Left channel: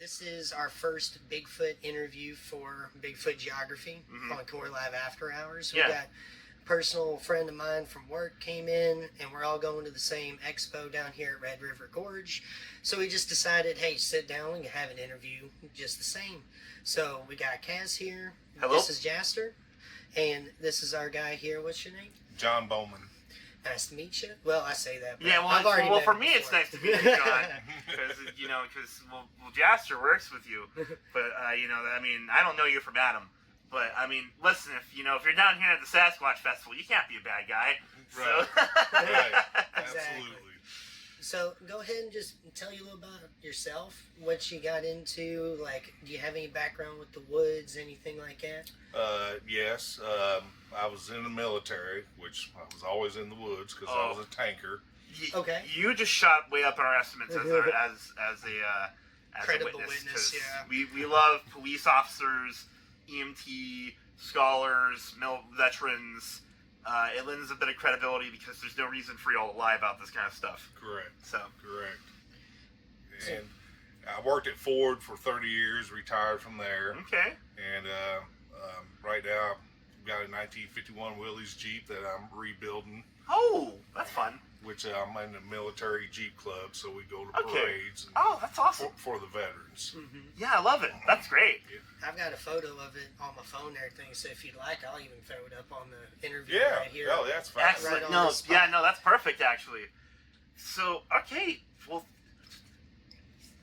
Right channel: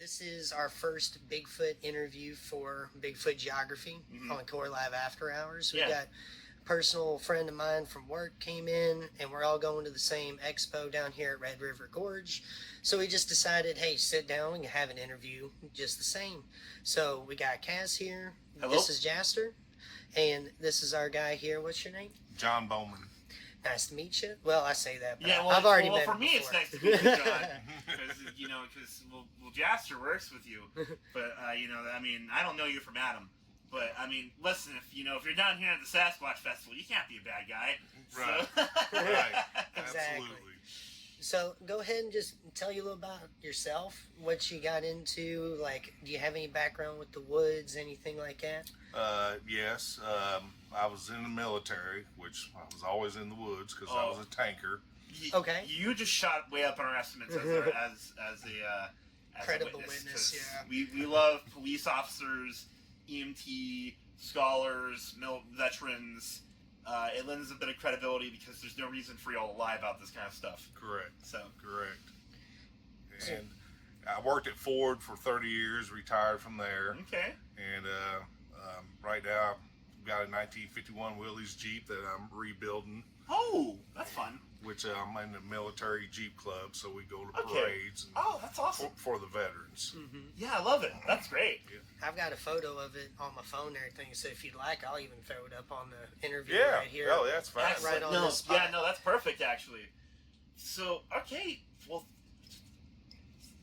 This is our first Bigfoot interview for Bigfoot Geography on Core Live After Hours. We got a personal friend of mine from work came in, and we're all going to the same expo down here at Red River Gorge. So we just decided, hey, sit down, we can have an interview just the same. So we got Kaz here. Hello. This is Jaster. And this is our guy here. What's your name? John Bowman. Nice to meet you. Well, I say that, but Yeah, well, I've already well, met for him me, it's before. nice to meet you, John, because Jaster works with you, but I mean, I don't know you from Adam, but I mean, listen, if you're down here at the Sasquatch Festival, you can't be a bad guy, Right? So. Right. Exactly. Absolutely. So go ahead and just tell you a little about yourself, what you got into. Like, do you have any background with the woods, anything like that? Yes. I was in the military, which I was always in the woods because I was a tanker. Okay. You just shot way up in our estimates as a Credible witness. witness, yeah. We love police officers, EMT, scholars, veterans. It lends a bit of credibility because there's no reason for y'all to lie about this kind of stuff. Correct. So Correct. And I worked at Ford for 30 years, retired from there. Okay. And right now, I've got a 1951 Willys Jeep that I'm rebuilding. Oh, that's fun. Which I'm in the military Jeep club, so we go to parades. And Oh, that's awesome. for the veterans. Yeah, I love it. That's great. I've got a photo of it on my phone and everything, so if you'd like, I'll even throw it up on the interview Yeah. right here. Oh, that's fine. Excellent. Right on no, the spot. yeah, no, that's perfect actually. So, okay, well,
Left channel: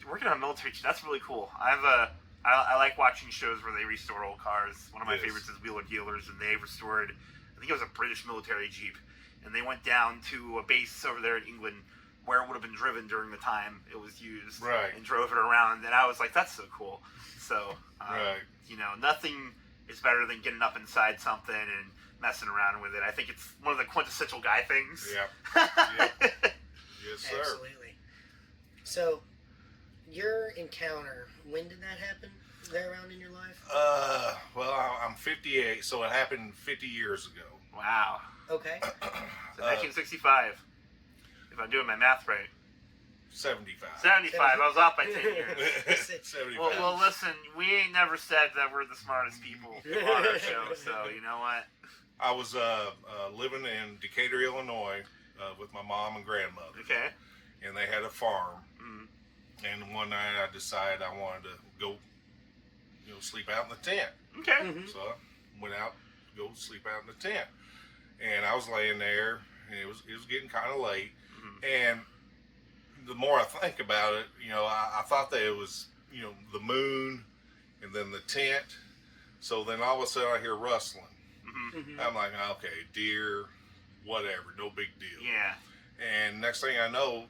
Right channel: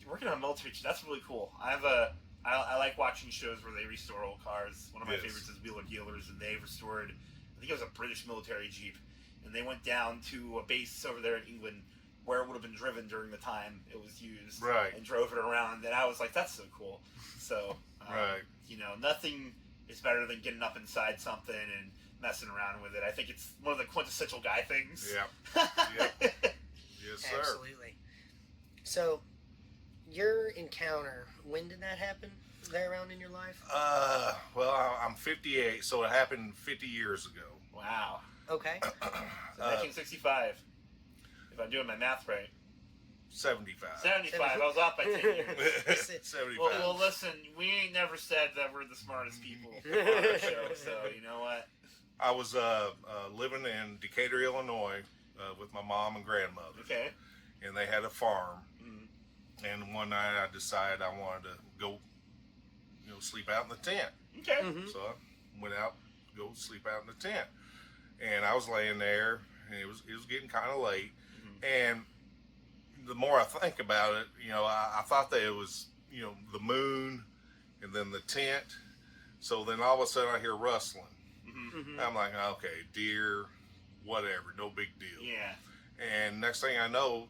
working on military, that's really cool. I like watching shows where they restore old cars. One of my favorites is Wheeler Dealers, and they restored, I think it was a British military Jeep, and they went down to a base over there in England where it would have been driven during the time it was used, Right. and drove it around, and I was like, that's so cool. So, Right. Nothing is better than getting up inside something and messing around with it. I think it's one of the quintessential guy things. Yep. Yep. Yes, sir. Absolutely. So, your encounter, when did that happen? There around in your life? Well, I'm 58, so it happened 50 years ago. Wow. Okay. So 1965, if I'm doing my math right. 75. 75, I was off by 10 years. 75. Well, listen, we ain't never said that we're the smartest people on our show, so you know what? I was living in Decatur, Illinois, with my mom and grandmother. Okay. And they had a farm. Mm. And one night I decided I wanted to go, sleep out in the tent. Okay. So I went out to go sleep out in the tent. And I was laying there, and it was getting kind of late. And the more I think about it, I thought that it was, the moon and then the tent. So then all of a sudden I hear rustling. I'm like, okay, deer, whatever, no big deal. Yeah. And next thing I know,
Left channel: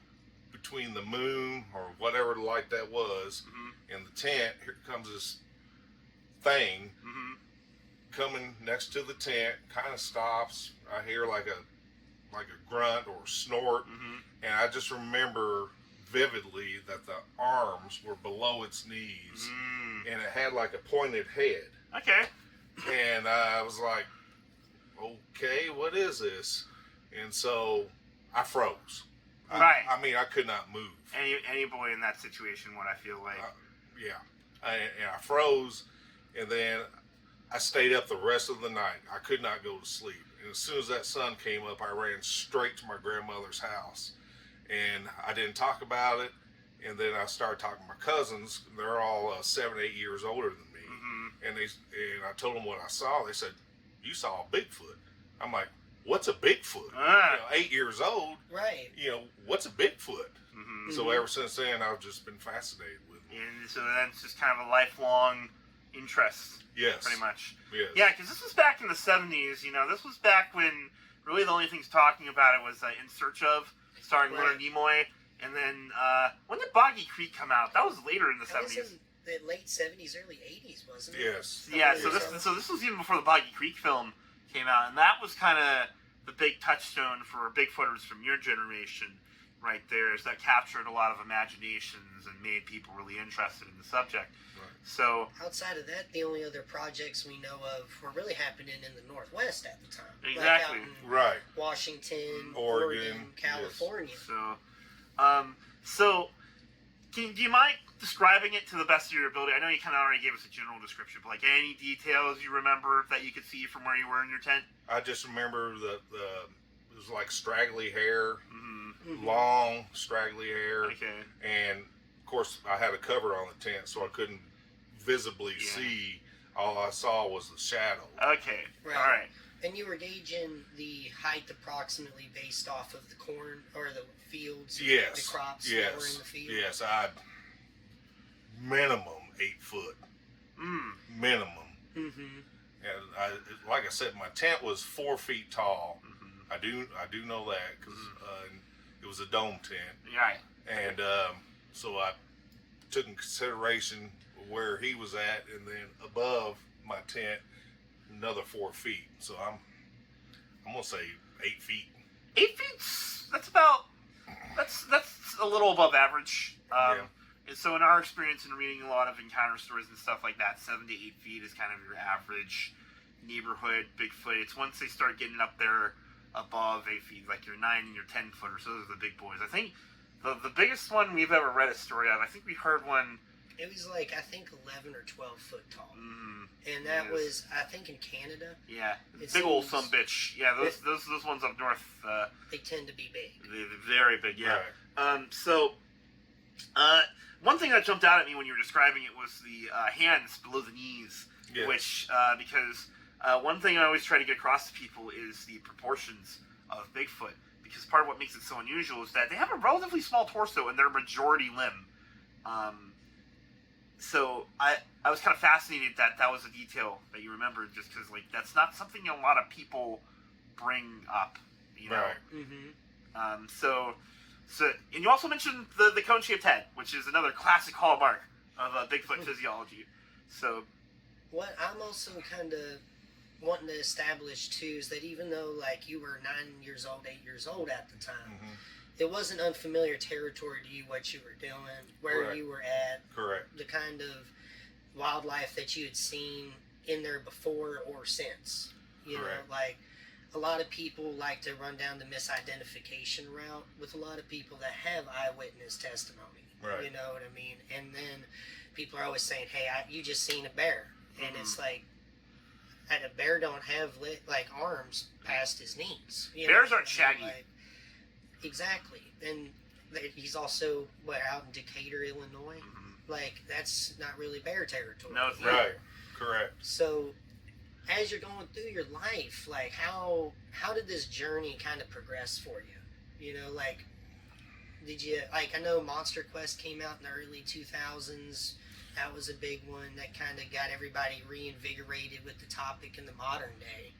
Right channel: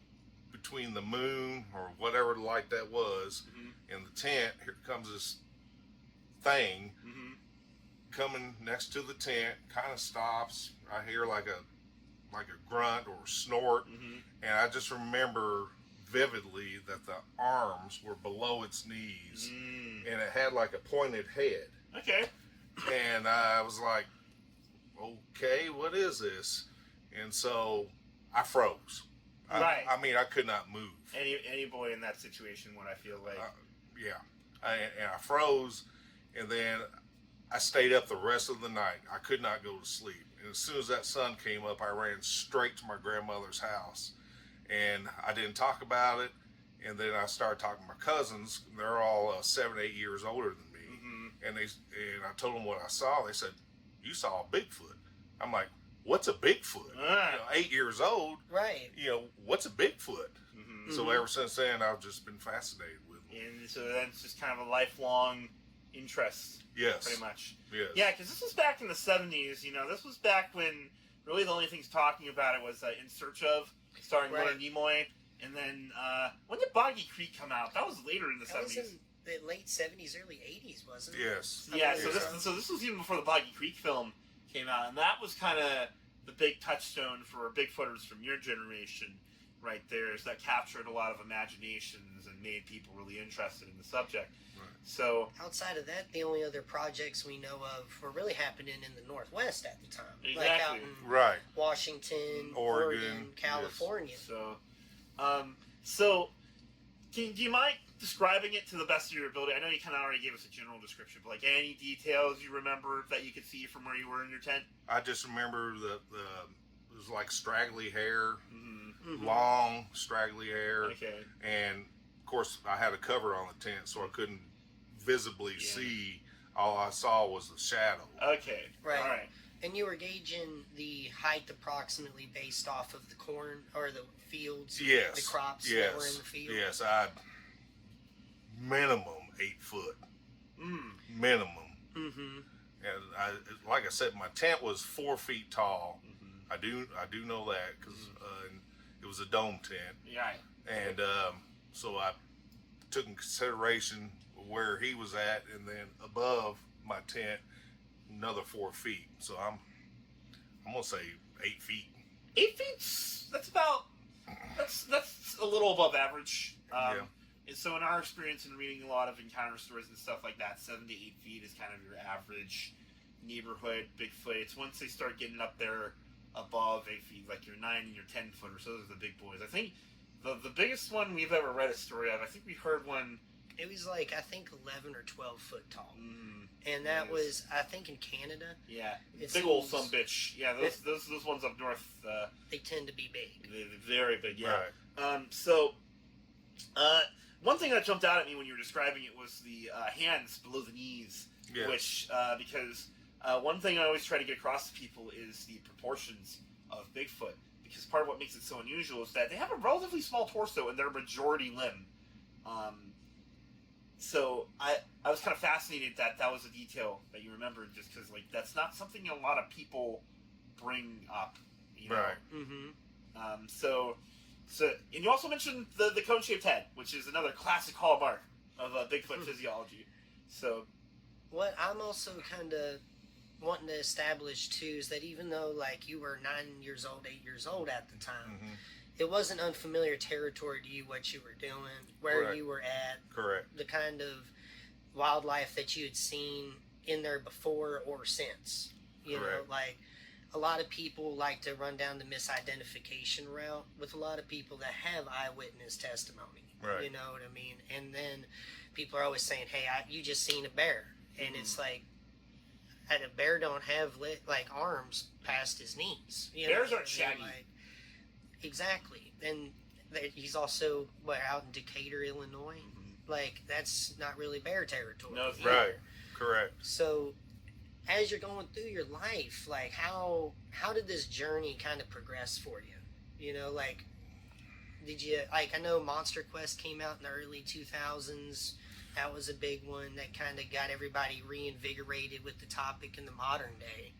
between the moon or whatever the light that was and the tent, here comes this thing coming next to the tent, kind of stops. I hear like a grunt or snort, and I just remember vividly that the arms were below its knees, and it had like a pointed head. Okay. And I was like, okay, what is this? And so I froze. Right. I could not move. Any boy in that situation would, I feel like. Yeah. And I froze, and then I stayed up the rest of the night. I could not go to sleep. And as soon as that sun came up, I ran straight to my grandmother's house. And I didn't talk about it. And then I started talking to my cousins. They're all 7, 8 years older than me. And I told them what I saw. They said, "You saw a Bigfoot." I'm like, "What's a Bigfoot?" 8 years old. Right. What's a Bigfoot? So ever since then, I've just been fascinated with them. And so that's just kind of a lifelong interest. Yes. Pretty much. Yes. Yeah, because this was back in the 70s. This was back when really the only things talking about it was In Search Of, starring Leonard Nimoy. And then, when did Boggy Creek come out? That was later in the 70s. Was in the late 70s, early 80s, wasn't it? Yes. Yeah, so this was even before the Boggy Creek film came out. And that was kind of the big touchstone for Bigfooters from your generation right there, is that captured a lot of imaginations and made people really interested in the subject. Right. So outside of that, the only other projects we know of were really happening in the Northwest at the time. Exactly. Like out in Right. Washington, Oregon, California. So, do you mind describing it to the best of your ability. I know you kind of already gave us a general description, but like any details you remember that you could see from where you were in your tent? I just remember the it was like straggly hair, Mm-hmm. long straggly hair, Okay. and of course I had a cover on the tent, so I couldn't visibly see. All I saw was the shadow. Okay. Right. All right. And you were gauging the height approximately based off of the corn or the fields, Yes. the crops Yes. that were in the field. Yes. I minimum 8 foot. Minimum. Mm-hmm. And like I said, my tent was 4 feet tall. Mm-hmm. I do know that because it was a dome tent, Right. and so I took in consideration where he was at, and then above my tent, another 4 feet. So I'm gonna say 8 feet. 8 feet. That's a little above average. Yeah. And so in our experience in reading a lot of encounter stories and stuff like that, 7 to 8 feet is kind of your average neighborhood Bigfoot. It's once they start getting up there above 8 feet, like your 9 and your 10 footers, those are the big boys. I think the biggest one we've ever read a story of, I think we heard one. It was like, I think 11 or 12 foot tall. And Yes. that was, I think, in Canada. Yeah, It big old seems- sumbitch. Yeah, those ones up north, They tend to be big. they're very big. Yeah. Right. So, one thing that jumped out at me when you were describing it was the hands below the knees, Yes. which because one thing I always try to get across to people is the proportions of Bigfoot, because part of what makes it so unusual is that they have a relatively small torso and they're majority limb. So I was kind of fascinated that was a detail that you remembered, just because like that's not something a lot of people bring up, you know. Right. Mm-hmm. So and you also mentioned the cone-shaped head, which is another classic hallmark of Bigfoot physiology. So What I'm also kind of wanting to establish too is that even though like you were 9 years old, 8 years old at the time, it wasn't unfamiliar territory to you what you were doing, where Correct. you were at, Correct. the kind of wildlife that you had seen in there before or since. You know, Correct. like a lot of people like to run down the misidentification route with a lot of people that have eyewitness testimony. Right. You know what I mean? And then people are always saying, "Hey, you just seen a bear," and it's like, and a bear don't have like arms past his knees. You Bears know aren't what I mean? shaggy. Like, exactly, and he's also out in Decatur, Illinois. Like that's not really bear territory. No, it's either. Right. Correct. So, as you're going through your life, like how did this journey kind of progress for you? You know, like did you like? I know Monster Quest came out in the early 2000s. That was a big one that kind of got everybody reinvigorated with the topic in the modern day.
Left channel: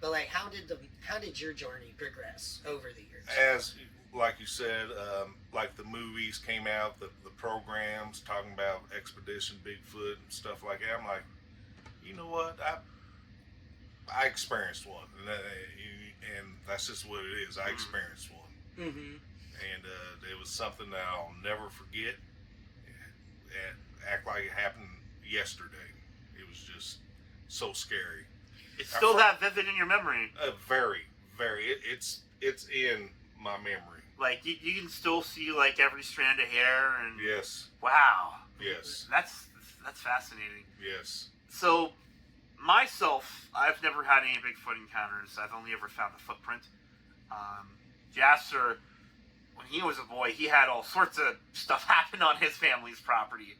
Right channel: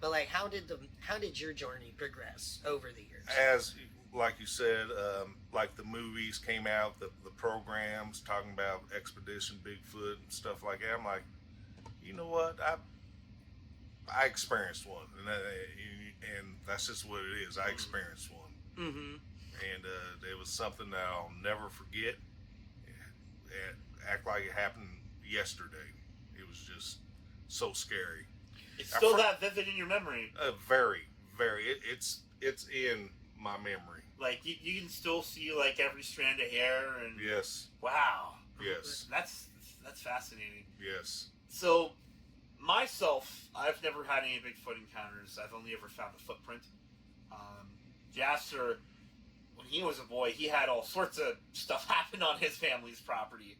But like, how did your journey progress over the years? As like you said, like the movies came out, the programs talking about Expedition Bigfoot and stuff like that. I'm like, you know what? I experienced one, and that's just what it is. I experienced one, Mm-hmm. and it was something that I'll never forget. Act like it happened yesterday. It was just so scary. It's still that vivid in your memory. Very, very. It's in my memory. Like you can still see like every strand of hair and Yes. wow. Yes. That's fascinating. Yes. So myself, I've never had any Bigfoot encounters. I've only ever found a footprint. Jaster, when he was a boy, he had all sorts of stuff happen on his family's property.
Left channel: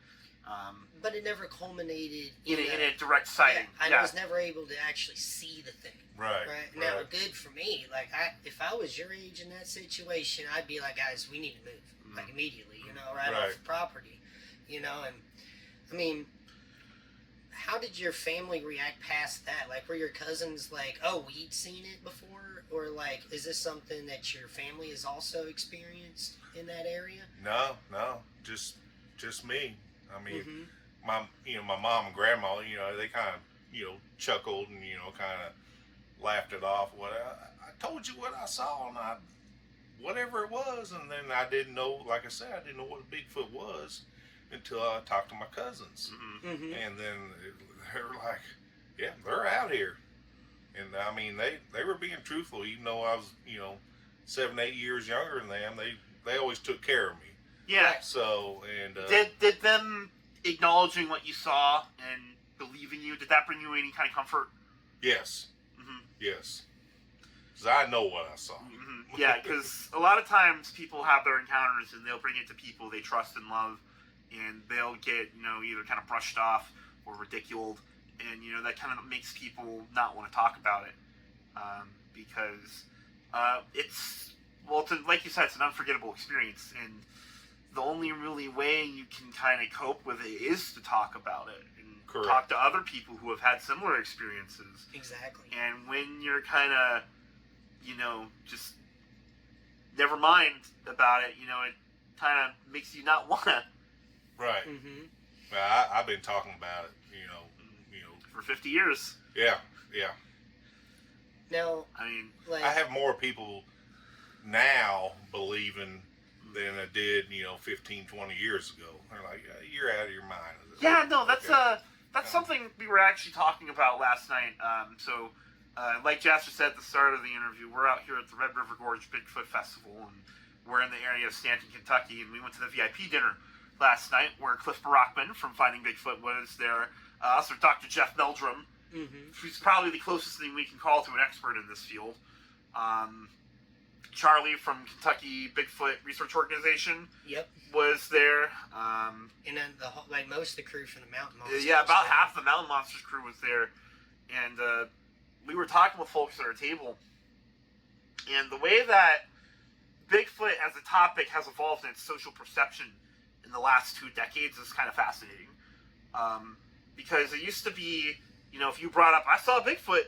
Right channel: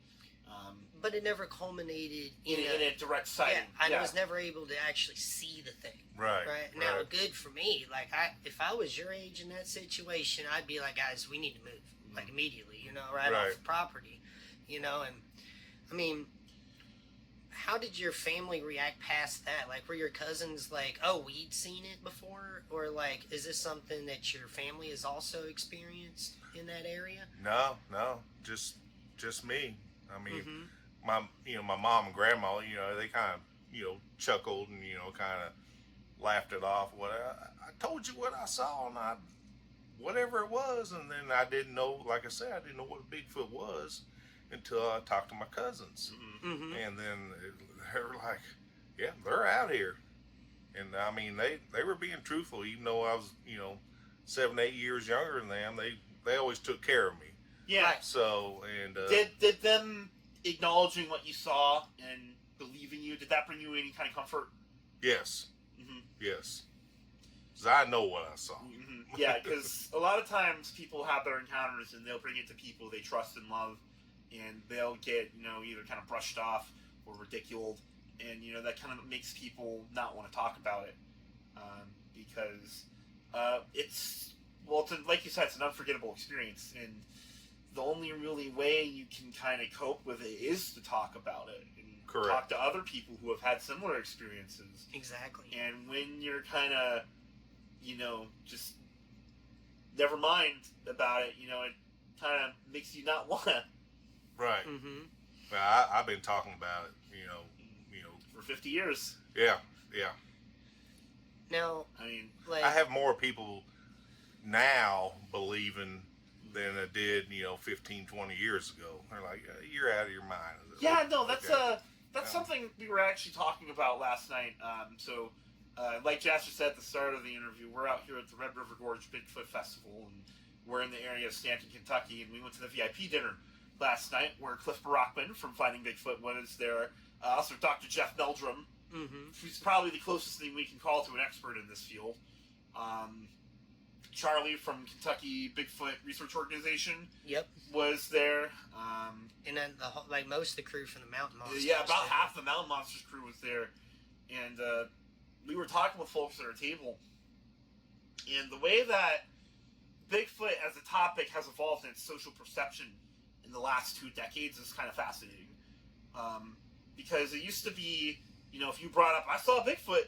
But it never culminated In a direct sighting. I was never able to actually see the thing. Right. Right. Now, good for me. Like, if I was your age in that situation, I'd be like, guys, we need to move, like immediately. You know, right off the property. You know, and I mean, how did your family react past that? Like, were your cousins like, oh, we'd seen it before, or like, is this something that your family has also experienced in that area? No, just me. I mean, my mom and grandma, they kind of, chuckled and, kind of laughed it off. What I told you what I saw, and whatever it was, and then I didn't know. Like I said, I didn't know what a Bigfoot was until I talked to my cousins, and then they were like, "Yeah, they're out here," and I mean, they were being truthful, even though I was, 7, 8 years younger than them. They always took care of me. Yeah. Right. So, and Did them acknowledging what you saw and believing you, did that bring you any kind of comfort? yes, Mm-hmm. yes, because I know what I saw. Mm-hmm. Yeah, because a lot of times people have their encounters and they'll bring it to people they trust and love, and they'll get, either kind of brushed off or ridiculed, and, that kind of makes people not want to talk about it, because it's, like you said, it's an unforgettable experience, and the only really way you can kind of cope with it is to talk about it and Correct. talk to other people who have had similar experiences. Exactly. And when you're kind of, just never mind about it, it kind of makes you not want to. Right. Mm-hmm. Well, I've been talking about it, For 50 years. Yeah. Now, I mean, I have more people now believing than I did, 15, 20 years ago. They're like, you're out of your mind. yeah, no, that's Okay. something we were actually talking about last night. Like Jaster said at the start of the interview, we're out here at the Red River Gorge Bigfoot Festival, and we're in the area of Stanton, Kentucky, and we went to the VIP dinner last night where Cliff Barackman from Finding Bigfoot was there. Also, Dr. Jeff Meldrum, who's probably the closest thing we can call to an expert in this field. Charlie from Kentucky Bigfoot Research Organization. Yep. Was there. And then most of the crew from the Mountain Monsters. Yeah, about half the Mountain Monsters crew was there, and we were talking with folks at our table, and the way that Bigfoot as a topic has evolved in its social perception in the last 2 decades is kind of fascinating. Because it used to be, if you brought up, I saw Bigfoot,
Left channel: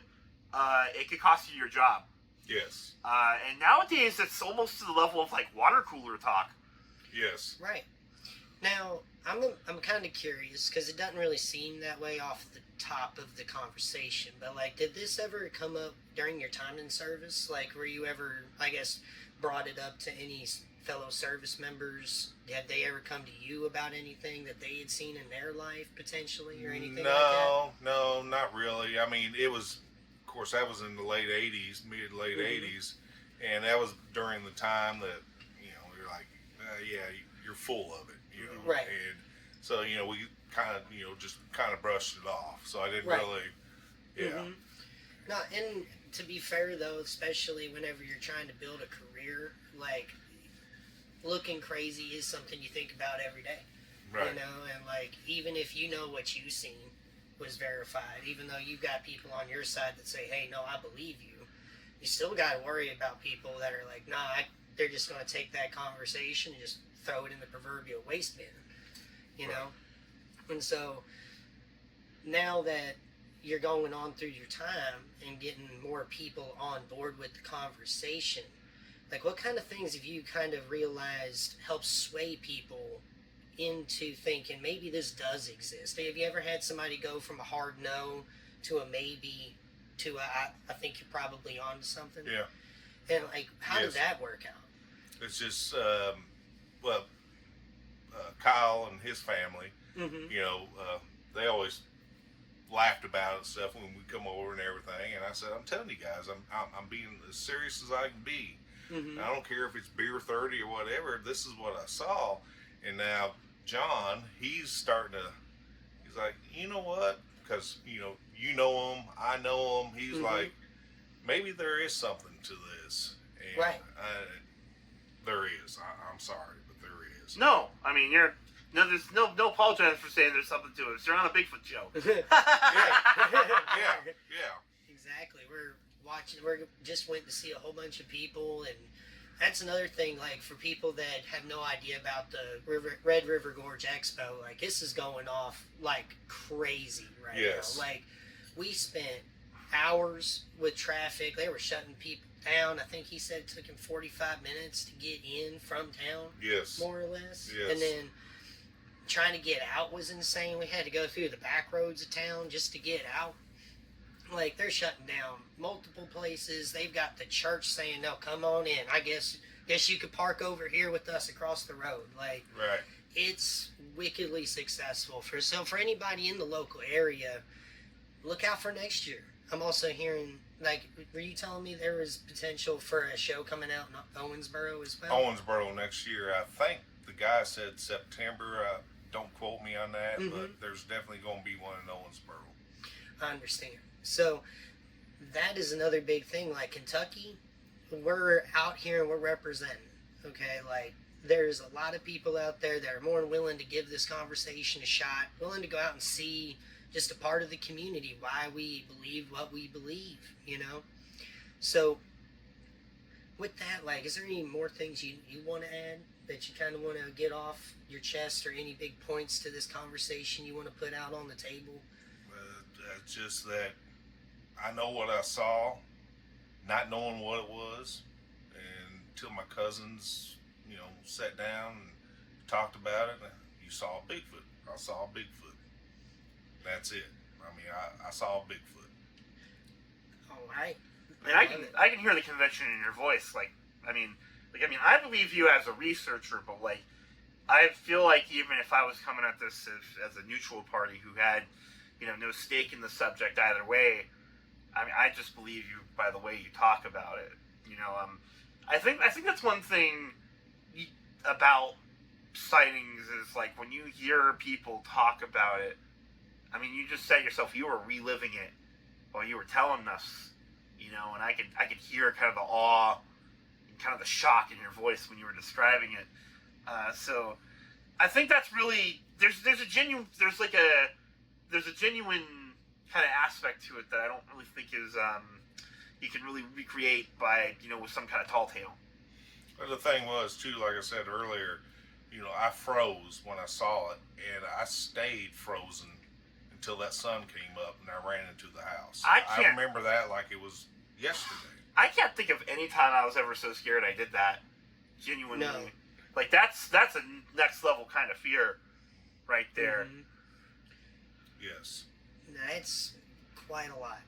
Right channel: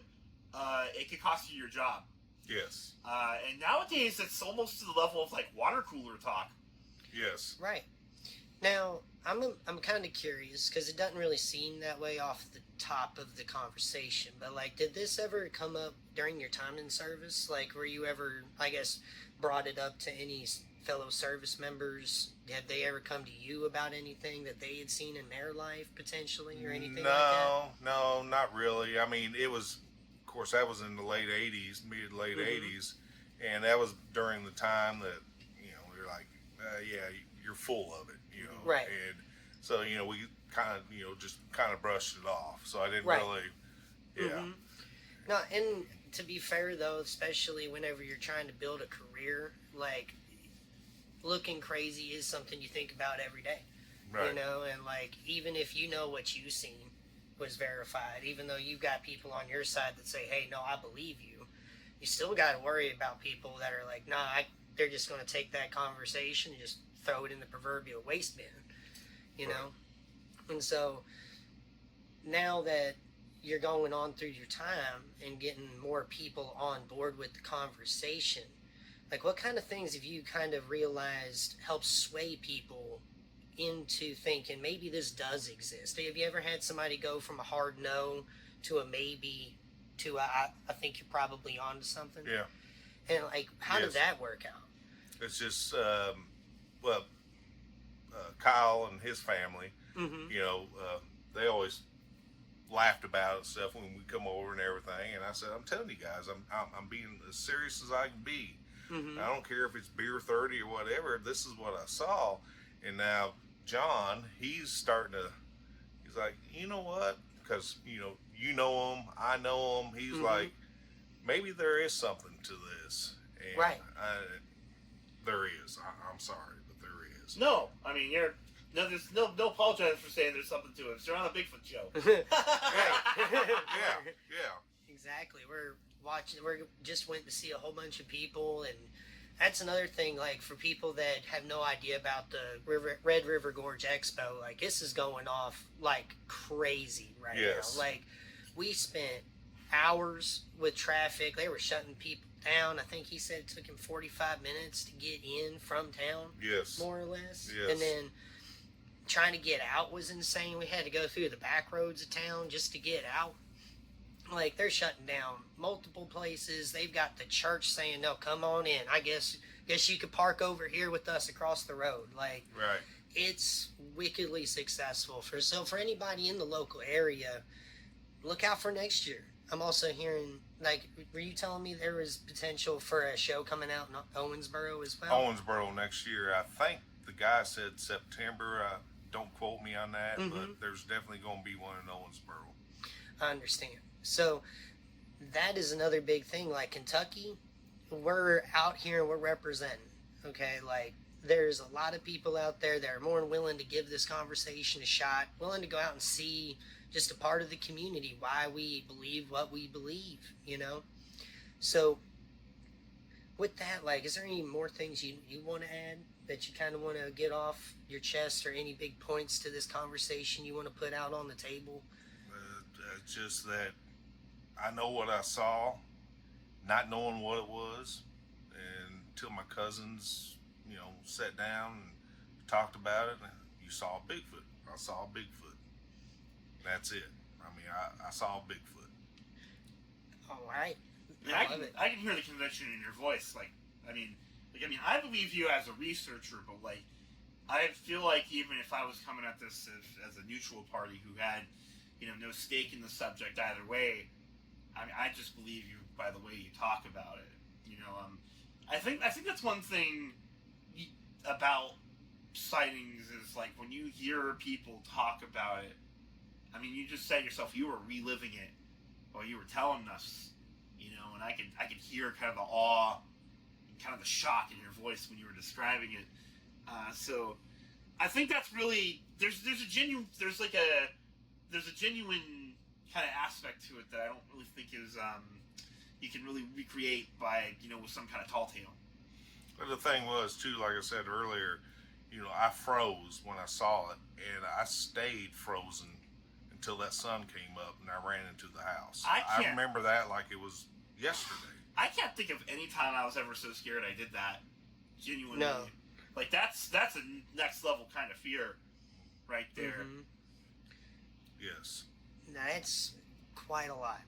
it could cost you your job. Yes. And nowadays it's almost to the level of like water cooler talk. Yes. Right. Now, I'm kind of curious because it doesn't really seem that way off the top of the conversation, but did this ever come up during your time in service? Were you ever, I guess, brought it up to any fellow service members? Had they ever come to you about anything that they had seen in their life potentially or anything like that? No, not really. I mean, it was, of course, that was in the late 80s, mid-late 80s, and that was during the time that, you're like, yeah, you're full of it, Right. And so, we kind of, just kind of brushed it off. So I didn't Right. really, yeah. Mm-hmm. No, and to be fair, though, especially whenever you're trying to build a career, looking crazy is something you think about every day. Right. And even if what you've seen was verified, even though you've got people on your side that say, hey, no, I believe you, you still got to worry about people that are like, nah, they're just going to take that conversation and just throw it in the proverbial waste bin, Right. And so now that you're going on through your time and getting more people on board with the conversation, what kind of things have you kind of realized help sway people into thinking maybe this does exist? Have you ever had somebody go from a hard no to a maybe to I think you're probably onto something? Yeah. And how Yes. did that work out? It's just, Kyle and his family, Mm-hmm. they always laughed about it and stuff when we come over and everything. And I said, I'm telling you guys, I'm being as serious as I can be. Mm-hmm. I don't care if it's beer 30 or whatever. This is what I saw. And now John, he's like, you know what? Because, you know him, I know him. He's Mhm. like, maybe there is something to this. And Right. There is. I'm sorry, but there is. No, I mean there's no apologize for saying there's something to it. You're on a Bigfoot show. Yeah. Exactly. We just went to see a whole bunch of people, and that's another thing, for people that have no idea about the Red River Gorge Expo, this is going off like crazy right Yes. now. We spent hours with traffic. They were shutting people down. I think he said it took him 45 minutes to get in from town, Yes. more or less. Yes. And then trying to get out was insane. We had to go through the back roads of town just to get out. They're shutting down multiple places. They've got the church saying, no, come on in. I guess you could park over here with us across the road. Right. It's wickedly successful. For anybody in the local area, look out for next year. I'm also hearing, were you telling me there was potential for a show coming out in Owensboro as well? Owensboro next year, I think the guy said September. Don't quote me on that, Mhm. but there's definitely going to be one in Owensboro. I understand. So that is another big thing. Like Kentucky, we're out here and we're representing. Okay, like there's a lot of people out there that are more than willing to give this conversation a shot, willing to go out and see just a part of the community, why we believe what we believe, you know? So with that, like, is there any more things you want to add that you kind of want to get off your chest, or any big points to this conversation you want to put out on the table? It's just that I know what I saw, not knowing what it was, and until my cousins, sat down and talked about it. You saw Bigfoot. I saw Bigfoot. That's it. I mean, I saw Bigfoot. All right. I can hear the conviction in your voice. I believe you as a researcher, but I feel like even if I was coming at this as a neutral party who had, no stake in the subject either way, I just believe you by the way you talk about it. I think that's one thing about sightings is when you hear people talk about it. You just said yourself you were reliving it while you were telling us, and I could hear kind of the awe, kind of the shock in your voice when you were describing it. So I think that's really there's a genuine kind of aspect to it that I don't really think is you can really recreate by with some kind of tall tale. But the thing was too, like I said earlier, I froze when I saw it, and I stayed frozen until that sun came up and I ran into the house. I remember that like it was yesterday. I can't think of any time I was ever so scared I did that. Genuinely. No. That's a next level kind of fear right there. Mm-hmm. Yes. That's quite a lot.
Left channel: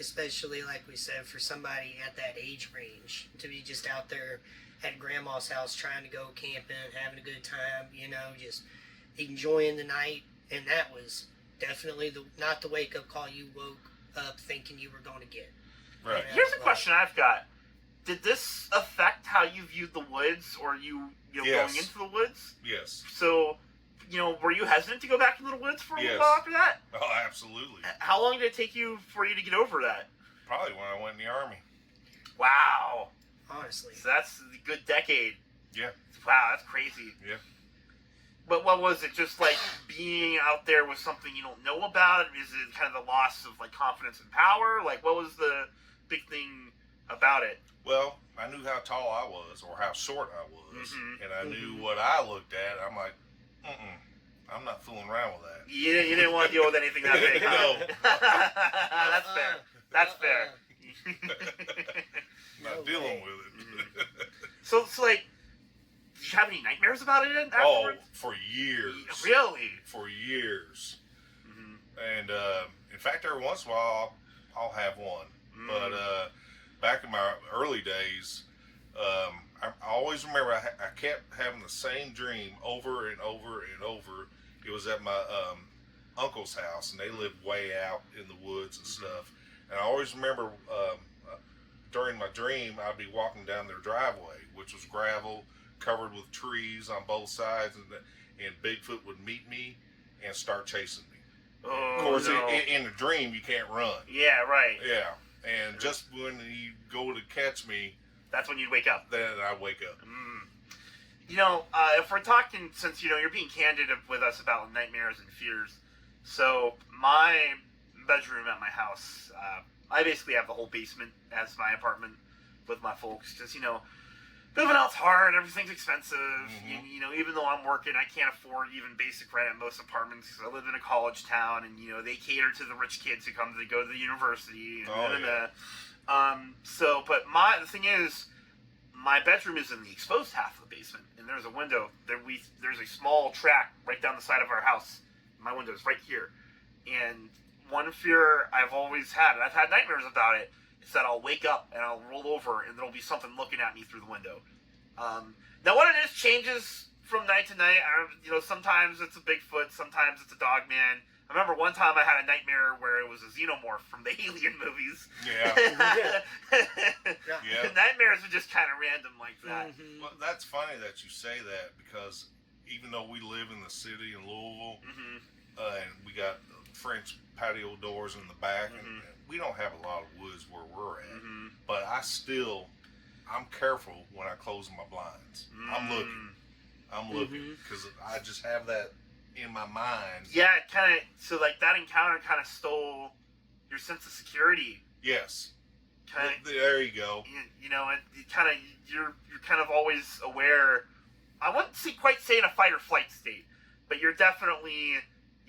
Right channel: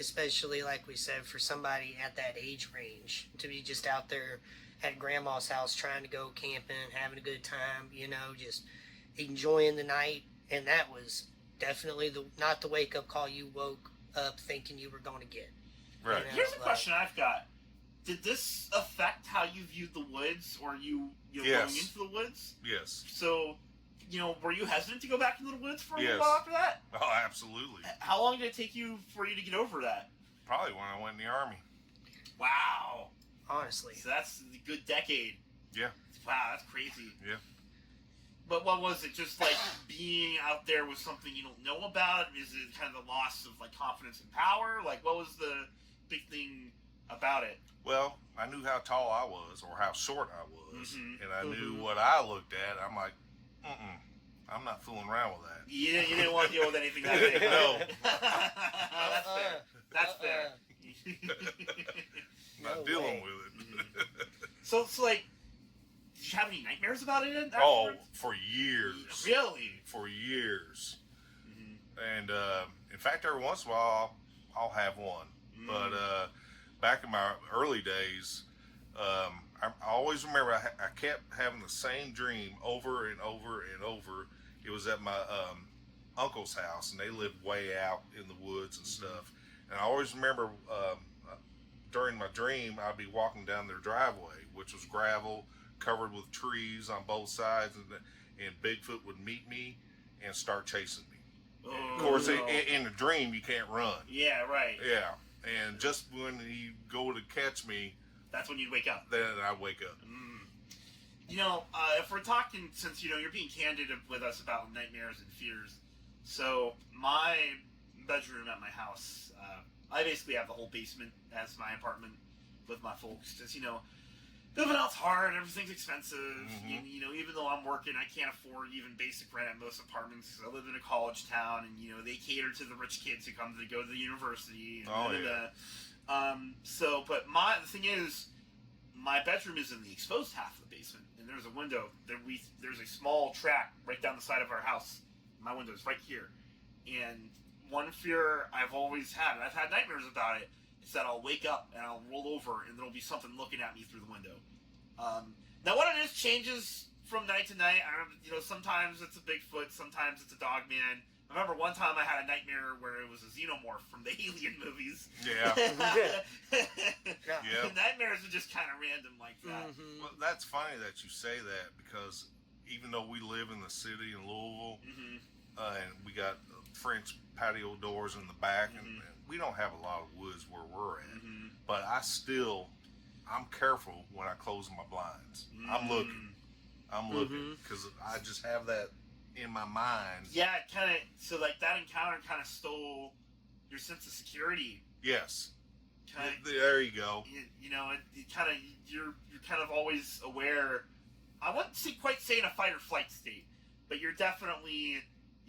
Especially, like we said, for somebody at that age range to be just out there at grandma's house trying to go camping, having a good time, just enjoying the night. And that was definitely not the wake-up call you woke up thinking you were going to get. Right. Here's a question I've got. Did this affect how you viewed the woods, or you Yes. going into the woods? Yes. So, were you hesitant to go back into the woods for a Yes. while after that? Oh, absolutely. How long did it take you for you to get over that? Probably when I went in the Army. Wow. Honestly. So that's a good decade. Yeah. Wow, that's crazy. Yeah. But what was it? Just being out there with something you don't know about? Is it kind of the loss of confidence and power? What was the big thing about it? Well, I knew how tall I was or how short I was, Mhm. and I knew what I looked at. I'm like, I'm not fooling around with that. You didn't want to deal with anything that big. No. That's fair. That's fair. Not No dealing way. with it. So did you have any nightmares about it Oh, afterwards? for years. Really? For years. Mm-hmm. And in fact, every once in a while, I'll have one. But back in my early days, I always remember I kept having the same dream over and over and over. It was at my uncle's house, and they lived way out in the woods and stuff. And I always remember during my dream, I'd be walking down their driveway, which was gravel, covered with trees on both sides, and Bigfoot would meet me and start chasing me. Oh, Of course, no. in the dream, you can't run. Yeah, right. Yeah, and just when you go to catch me, That's when you'd wake up. then I wake up. If we're talking, since you're being candid with us about nightmares and fears, so my bedroom at my house, I basically have the whole basement as my apartment with my folks, because living out's hard, everything's expensive. Mhm. Even though I'm working, I can't afford even basic rent at most apartments because I live in a college town, and they cater to the rich kids who come to go to the university. And Oh, yeah. But the thing is, my bedroom is in the exposed half of the basement, and there's a window. There's a small track right down the side of our house. My window is right here, and one fear I've always had, and I've had nightmares about it, is that I'll wake up and I'll roll over and there'll be something looking at me through the window. Now what it is changes from night to night. Sometimes it's a Bigfoot, sometimes it's a dog man. I remember one time I had a nightmare where it was a xenomorph from the Alien movies. Yeah. The nightmares are just kind of random like that. Mm-hmm. Well, that's funny that you say that, because even though we live in the city in Louisville, Mm-hmm. and we got French patio doors in the back, Mm-hmm. and we don't have a lot of woods where we're at. Mm-hmm. But I'm careful when I close my blinds. I'm looking because I just have that in my mind. Yeah, it kind of. So like that encounter kind of stole your sense of security. Yes. Kinda, There you go. you know, and you're kind of always aware. I wouldn't quite say in a fight or flight state, but you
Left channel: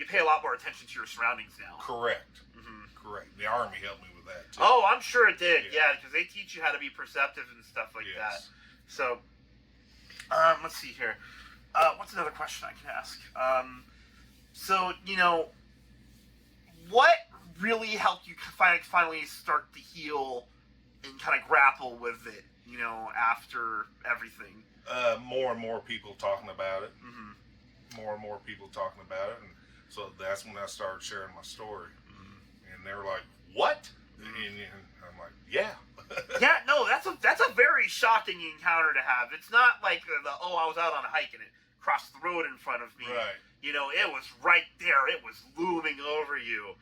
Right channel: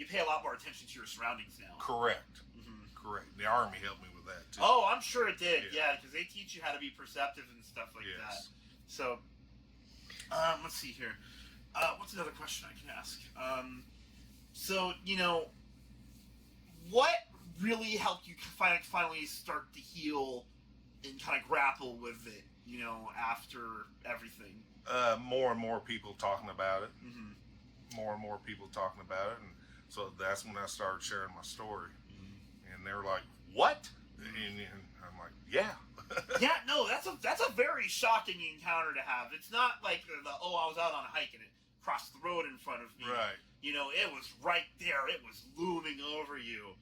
pay a lot more attention to your surroundings now. Correct. Mm-hmm. Correct. The Army helped me with that too. Oh, I'm sure it did. Yeah, because they teach you how to be perceptive and stuff like that. Yes. So, let's see here. What's another question I can ask? So, what really helped you finally start to heal and kind of grapple with it, after everything? More and more people talking about it. Mm-hmm. More and more people talking about it. And so that's when I started sharing my story. Mm-hmm. And they were like, what? And I'm like, yeah. Yeah, no, that's a very shocking encounter to have. It's not like I was out on a hike and it crossed the road in front of me. Right. It was right there. It was looming over you.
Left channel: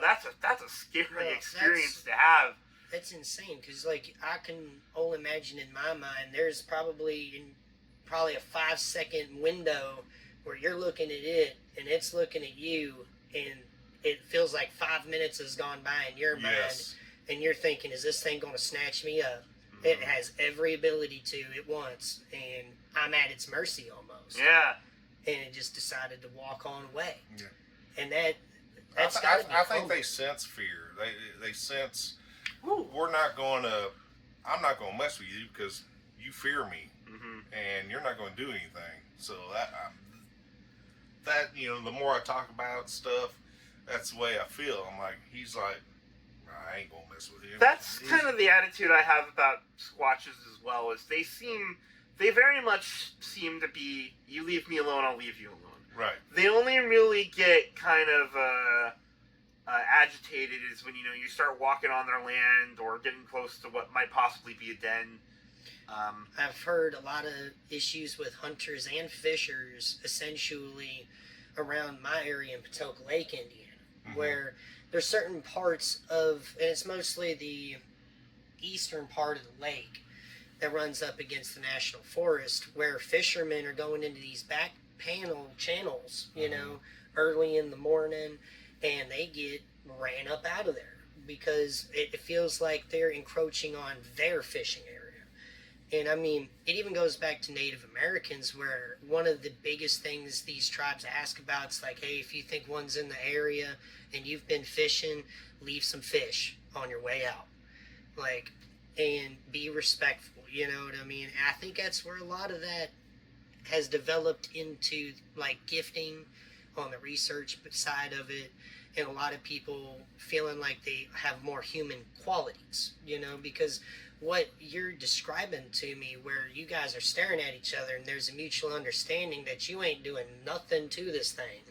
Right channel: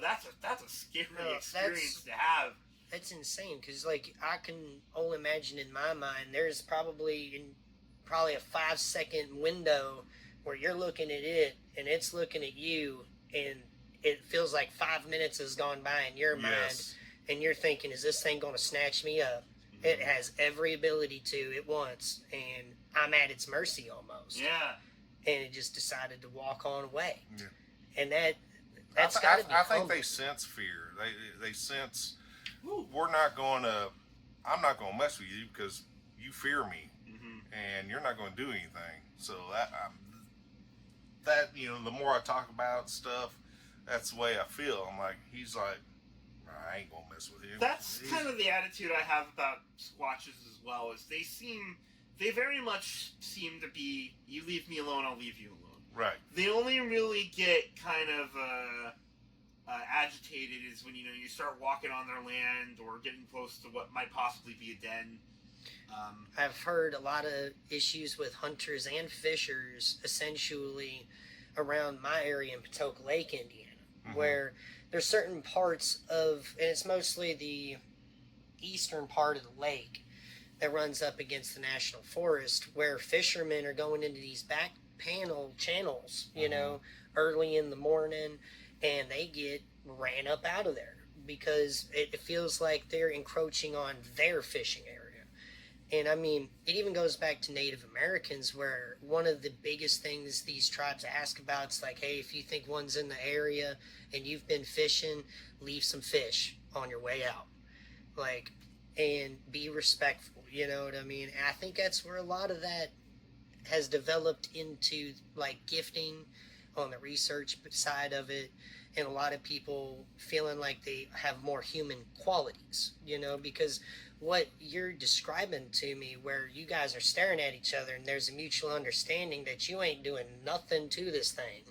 That's a scary experience to have. That's insane, because I can only imagine in my mind there's probably a 5-second window where you're looking at it and it's looking at you, and it feels like 5 minutes has gone by in your mind. Yes. And you're thinking, is this thing going to snatch me up? Mm-hmm. It has every ability to at once, and I'm at its mercy almost. Yeah. And it just decided to walk on away. Yeah. And that's I think they sense fear. They sense, I'm not going to mess with you because you fear me, and you're not going to do anything. So the more I talk about stuff, that's the way I feel. I'm like, he's like, I ain't gonna mess with him. That's kind of the attitude I have about Squatches as well. Is they very much seem to be, you leave me alone, I'll leave you alone. Right. They only really get kind of agitated is when you start walking on their land or getting close to what might possibly be a den. I've heard a lot of issues with hunters and fishers, essentially around my area in Patoka Lake, Indiana, where there's certain parts of, and it's mostly the eastern part of the lake that runs up against the national forest, where fishermen are going into these back panel channels, early in the morning, and they get ran up out of there because it feels like they're encroaching on their fishing area. And I mean, it even goes back to Native Americans, where one of the biggest things these tribes ask about is like, hey, if you think one's in the area and you've been fishing, leave some fish on your way out. And be respectful, you know what I mean? And I think that's where a lot of that has developed into gifting on the research side of it, and a lot of people feeling like they have more human qualities, because what you're describing to me, where you guys are staring at each other and there's a mutual understanding that you ain't doing nothing to this thing,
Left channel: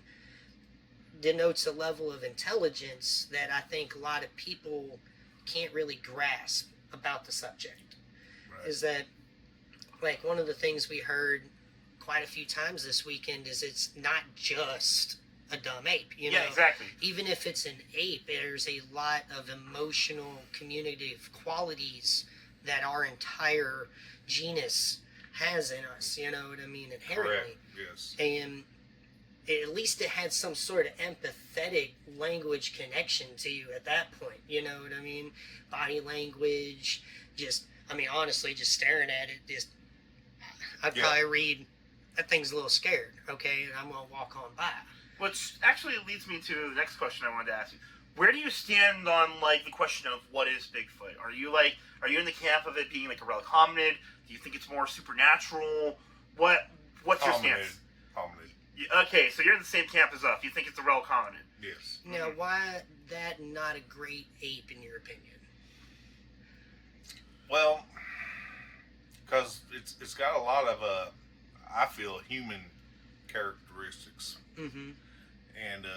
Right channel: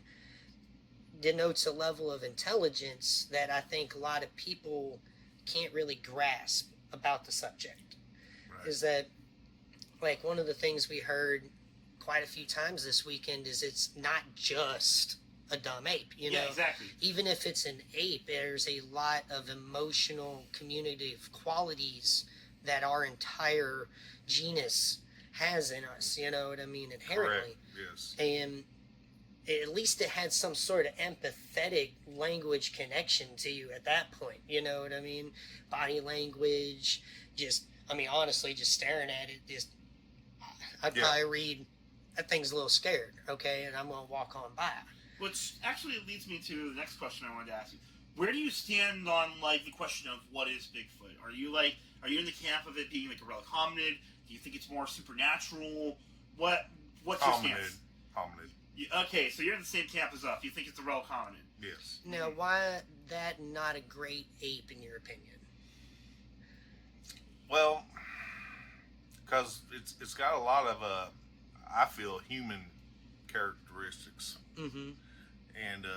denotes a level of intelligence that I think a lot of people can't really grasp about the subject. Right. Is that one of the things we heard quite a few times this weekend is it's not just a dumb ape, Yeah, exactly. Even if it's an ape, there's a lot of emotional, communicative qualities that our entire genus has in us, you know what I mean, inherently. Correct. Yes. And at least it had some sort of empathetic language connection to you at that point, you know what I mean? Body language, honestly, just staring at it, I'd probably read, that thing's a little scared, okay, and I'm going to walk on by. Which actually leads me to the next question I wanted to ask you. Where do you stand on the question of what is Bigfoot? Are you in the camp of it being a relic hominid? Do you think it's more supernatural? What's your stance? Hominid. Okay, so you're in the same camp as us. You think it's a relic hominid? Yes. Now, why that not a great ape in your opinion? Well, because it's got a lot of I feel human characteristics. Mm-hmm. And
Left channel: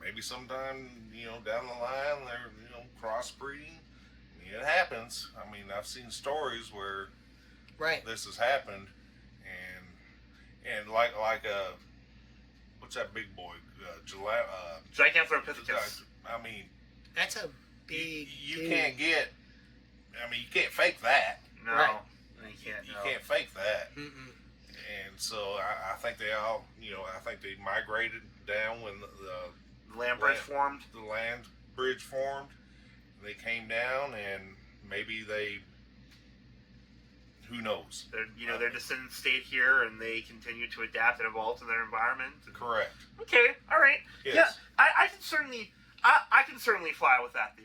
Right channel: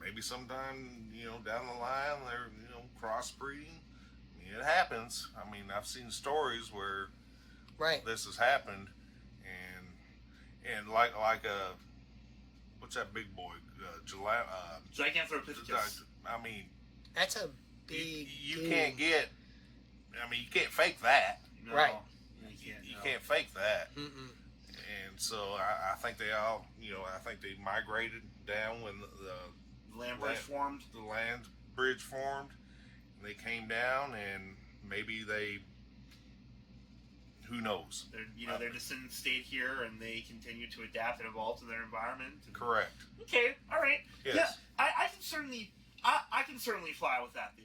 maybe sometime down the line they're crossbreeding. It happens. I've seen stories where this has happened, And like what's that big boy? Gigantopithecus. I mean, That's a big. you can't get. I mean, you can't fake that. No, Right. you can't. You can't fake that. Mm-mm. And so I think they all, I think they migrated down when the Land bridge formed. The land bridge formed. And they came down, and maybe they. Who knows? Their descendants stayed here, and they continue to adapt and evolve to their environment. Correct. Okay, all right. Yes. Yeah, I can certainly fly with that theory.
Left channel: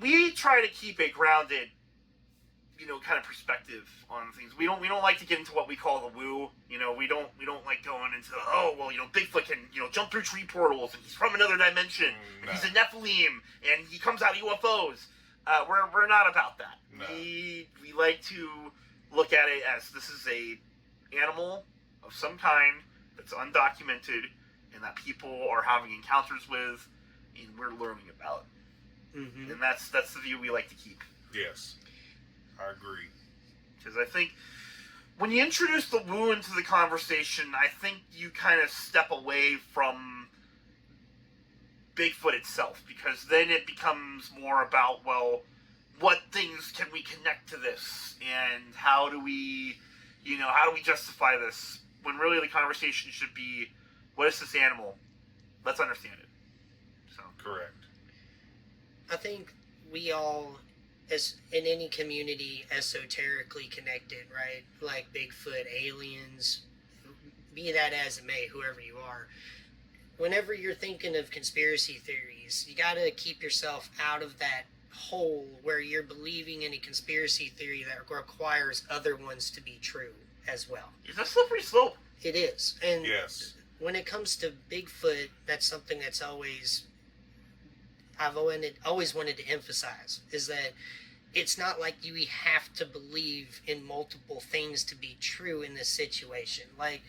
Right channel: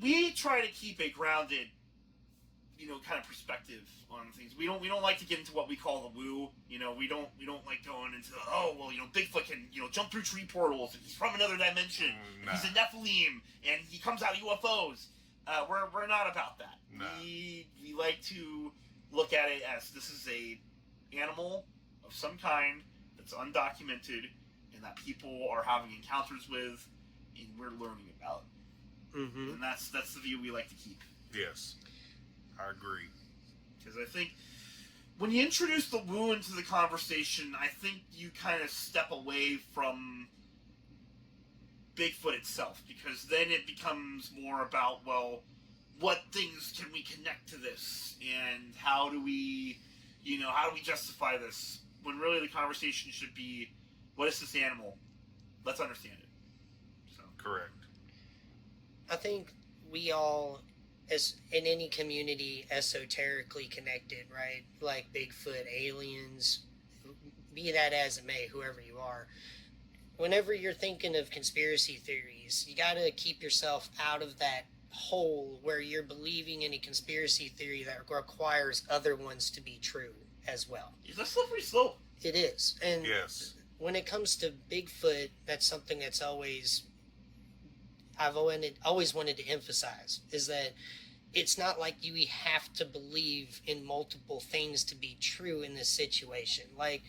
We try to keep a grounded, kind of perspective on things. We don't like to get into what we call the woo. We don't like going into Bigfoot can jump through tree portals and he's from another dimension. No. He's a Nephilim and he comes out of UFOs. We're not about that. No. We like to look at it as this is a animal of some kind that's undocumented and that people are having encounters with and we're learning about. Mm-hmm. And that's the view we like to keep. Yes. I agree. Because I think when you introduce the woo into the conversation, I think you kind of step away from Bigfoot itself, because then it becomes more about, well, what things can we connect to this, and how do we justify this, when really the conversation should be, what is this animal? Let's understand it. So Correct. I think we all, as in any community, esoterically connected, right? Like Bigfoot, aliens, be that as it may, whoever you are. Whenever you're thinking of conspiracy theories, you got to keep yourself out of that hole where you're believing in a conspiracy theory that requires other ones to be true as well. it's a slippery slope. It is. And Yes. when it comes to Bigfoot, that's something that's I've always wanted to emphasize, is that it's not like you have to believe in multiple things to be true in this situation. Like,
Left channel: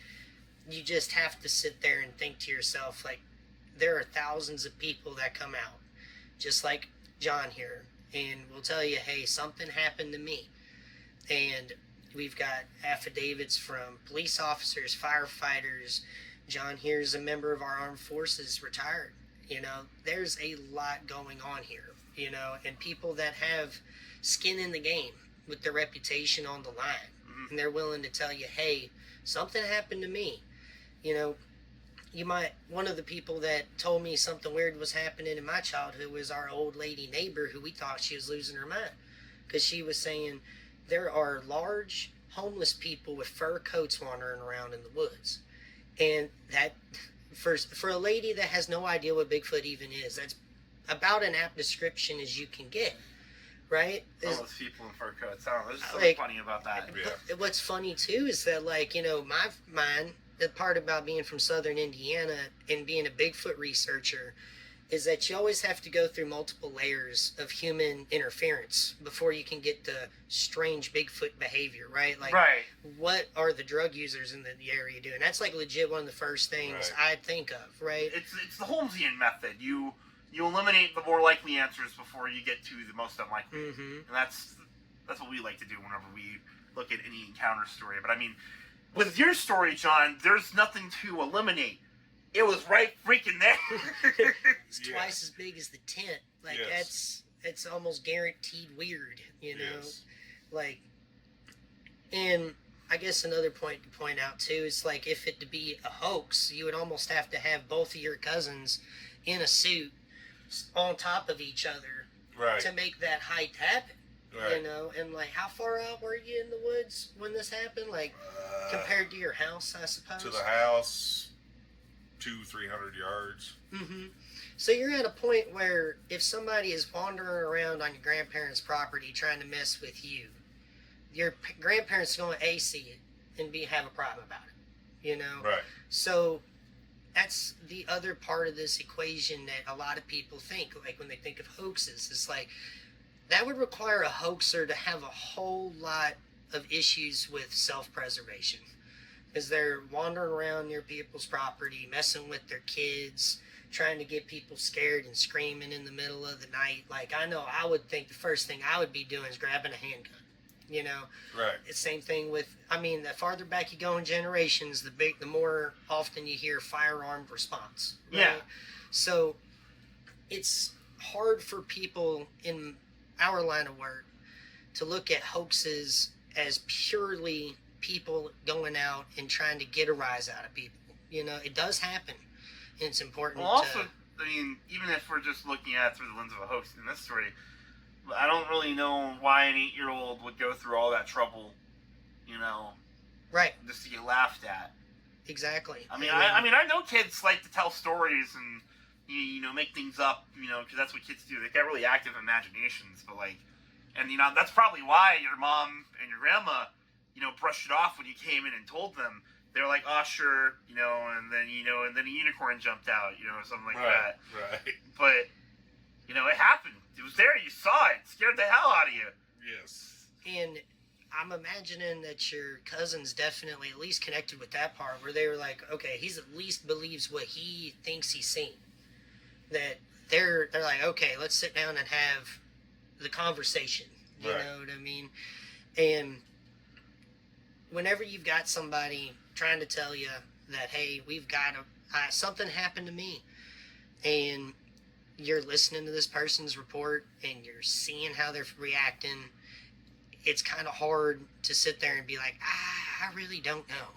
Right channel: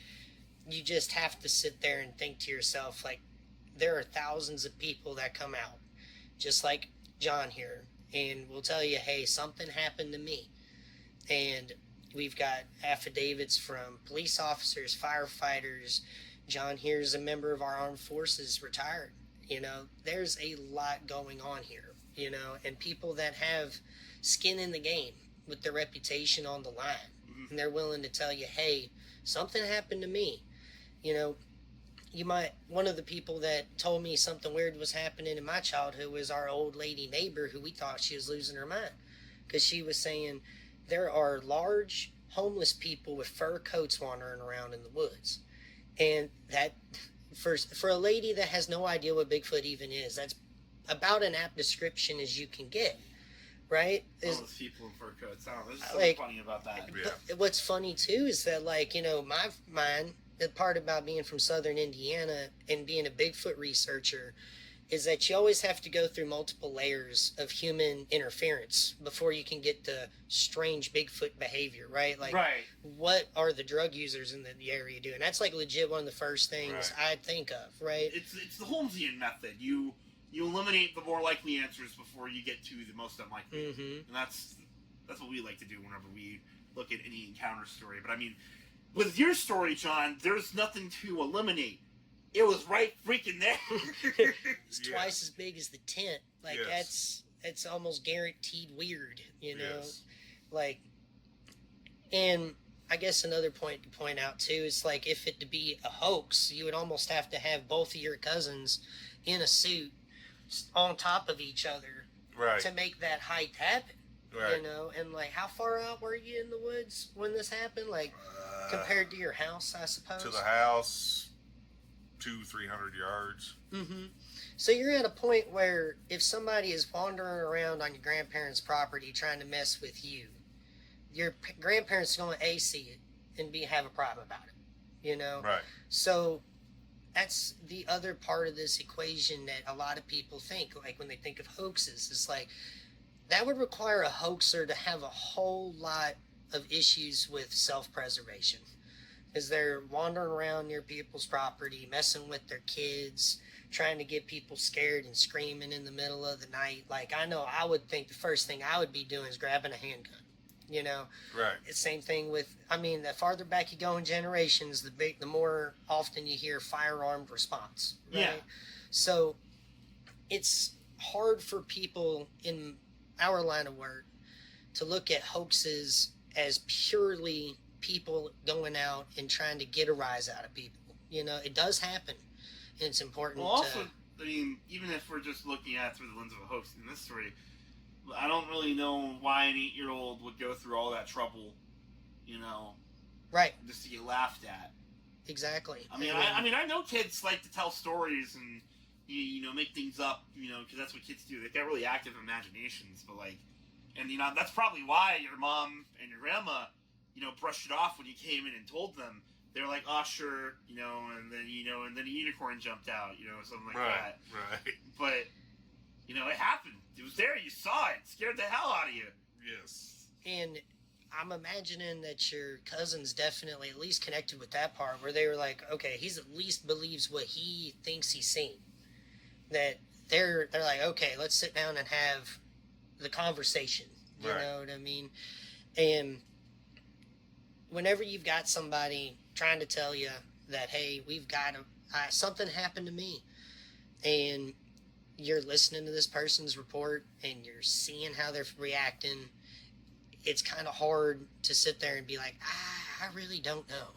you just have to sit there and think to yourself, like, there are thousands of people that come out, just like John here, and will tell you, hey, something happened to me. And we've got affidavits from police officers, firefighters. John here is a member of our armed forces, retired. There's a lot going on here, and people that have skin in the game with their reputation on the line. Mm-hmm. And they're willing to tell you, hey, something happened to me. One of the people that told me something weird was happening in my childhood was our old lady neighbor, who we thought she was losing her mind, because she was saying there are large homeless people with fur coats wandering around in the woods. And that, for a lady that has no idea what Bigfoot even is, that's about an apt description as you can get, right? All those people in fur coats. I don't know. There's something funny about that. Yeah. What's funny too is that, the part about being from southern Indiana and being a Bigfoot researcher is that you always have to go through multiple layers of human interference before you can get the strange Bigfoot behavior, right? Like, Right. what are the drug users in the area doing? That's like legit one of the first things Right. I'd think of, right? It's the Holmesian method. You eliminate the more likely answers before you get to the most unlikely. Mm-hmm. And that's what we like to do whenever we look at any encounter story. But I mean, with your story, John, there's nothing to eliminate. It was right freaking there. It's twice as big as the tent. Like, Yes. it's almost guaranteed weird, Yes. Like, and I guess another point to point out too is, like, if it to be a hoax, you would almost have to have both of your cousins in a suit on top of each other Right. to make that height happen. Right. And like, how far out were you in the woods when this happened? Like, compared to your house, I suppose. To the house, 200-300 yards. Mm-hmm. So you're at a point where if somebody is wandering around on your grandparents' property trying to mess with you, your grandparents are going to see it and have a problem about it, Right. So that's the other part of this equation that a lot of people think, like when they think of hoaxes, it's like that would require a hoaxer to have a whole lot of issues with self-preservation, because they're wandering around near people's property, messing with their kids, trying to get people scared and screaming in the middle of the night. Like, I know I would think the first thing I would be doing is grabbing a handgun. You know, Right. it's the same thing with. I mean, the farther back you go in generations, the more often you hear firearmed response. Right? Yeah. So it's hard for people in our line of work to look at hoaxes as purely people going out and trying to get a rise out of people. You know, it does happen, and it's important. Well, also, I mean, even if we're just looking at it through the lens of a hoax in this story, I don't really know why an 8-year-old would go through all that trouble, you know, right? just to get laughed at. Exactly. I mean, I know kids like to tell stories and you know make things up, you know, because that's what kids do. They got really active imaginations, but like, and you know that's probably why your mom and your grandma, you know, brushed it off when you came in and told them. They're like, oh sure, you know, and then a unicorn jumped out, you know, or something like that. Right. But you know, it happened. It was there. You saw it. It scared the hell out of you. Yes. And I'm imagining that your cousin's definitely at least connected with that part where they were like, okay, he's at least believes what he thinks he's seen. That they're like, okay, let's sit down and have the conversation. You Right. know what I mean? And whenever you've got somebody trying to tell you that, hey, we've got something happened to me, and you're listening to this person's report and you're seeing how they're reacting, it's kind of hard to sit there and be like, I really don't know.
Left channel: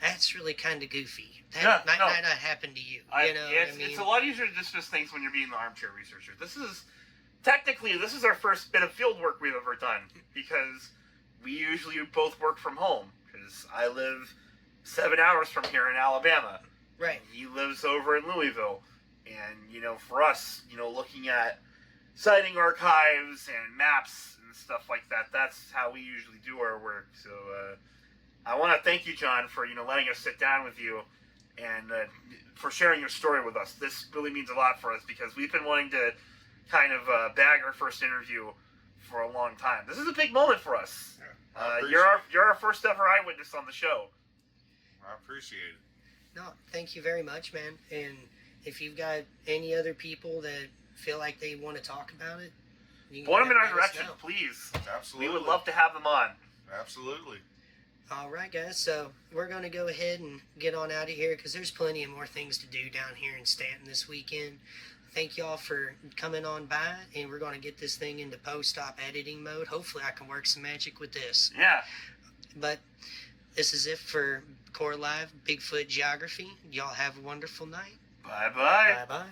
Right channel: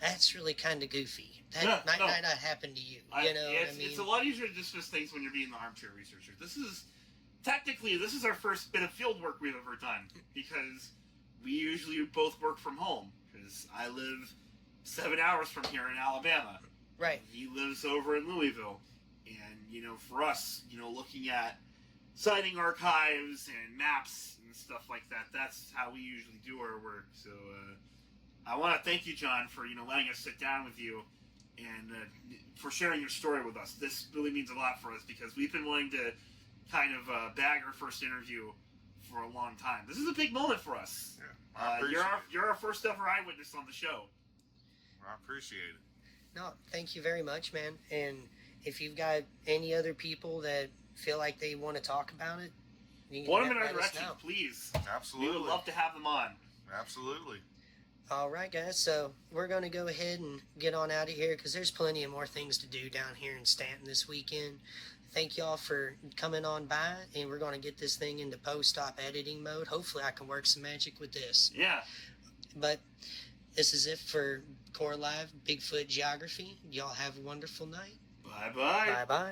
That's really kind of goofy. That might not happen to you. You know what I mean? It's a lot easier to dismiss things when you're being the armchair researcher. This is our first bit of field work we've ever done, because we usually both work from home, because I live 7 hours from here in Alabama. Right. He lives over in Louisville. And, you know, for us, you know, looking at sighting archives and maps and stuff like that, that's how we usually do our work. So I want to thank you, John, for, you know, letting us sit down with you and for sharing your story with us. This really means a lot for us, because we've been wanting to kind of bag our first interview for a long time. This is a big moment for us. Yeah, you're our first ever eyewitness on the show. I appreciate it. No, thank you very much, man. And if you've got any other people that feel like they want to talk about it, you can Point them in our let us direction, know. please. Absolutely. We would love to have them on. Absolutely. All right, guys. So we're going to go ahead and get on out of here, because there's plenty of more things to do down here in Stanton this weekend. Thank y'all for coming on by, and we're going to get this thing into post-op editing mode. Hopefully I can work some magic with this. Yeah. But this is it for Core Live Bigfoot Geography. Y'all have a wonderful night. Bye-bye. Bye-bye.